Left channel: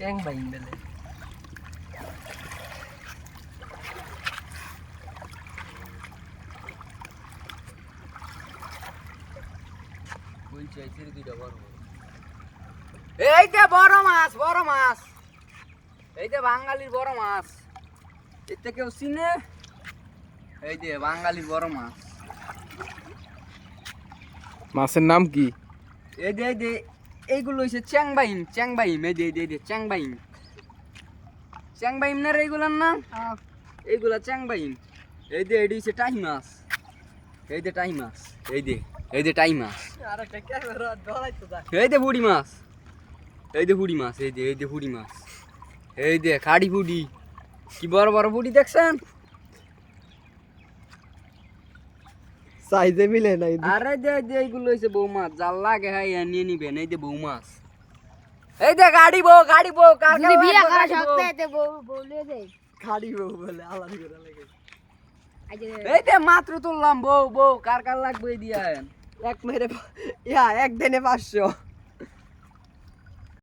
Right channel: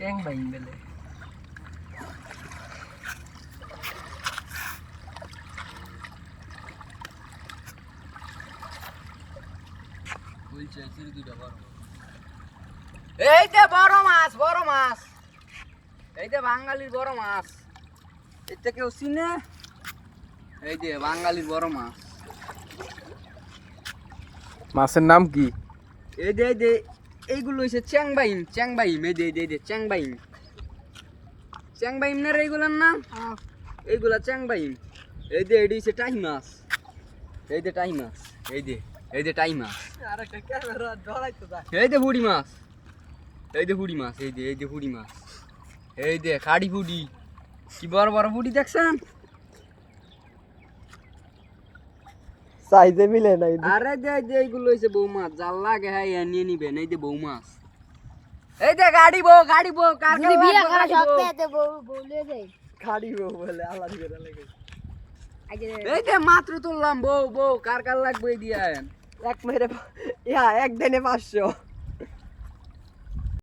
চ্যাং বাইন বেলে এই যে বড় মাছ এই যে বাঙালির বড় মাছ এটা কেউ চিনে এই যে বাঙালির বড় মাছ মাছের নাম কি? এই যে এইগুলো হইছে চ্যাংবাইন এই যে চ্যাংবাইন না রে এইগুলোর নাম এইগুলা চ্যাংবাইন এই যে এডি হইছে টাই মাছ এই যে টাই মাছ এই যে টাই মাছ আরেকটা ক্যামেরা ধরাইতো দা এই যে বুড়ি মাছ এই যে বুড়ি মাছ এই যে বুড়ি মাছ এই যে খাড়ি বুড়ি কি বড় বড় বুড়ি দেখছেন সাইজে মিলে নাই। আরে যে এইগুলো হইছে বউ মাছ জাল লাগে হ্যাঁ নিয়ে নিবেন এই যে বউ মাছ এই যে গাড়ি বউ কার যদি বিয়া করা শক্ত এতে বলে দেই খাড়ি বউ বলে আলাদা করে লাগে। এই যে মাত্র তুললাম বউ কার লাগবে দিয়েন এক মেরে এক দিনে 500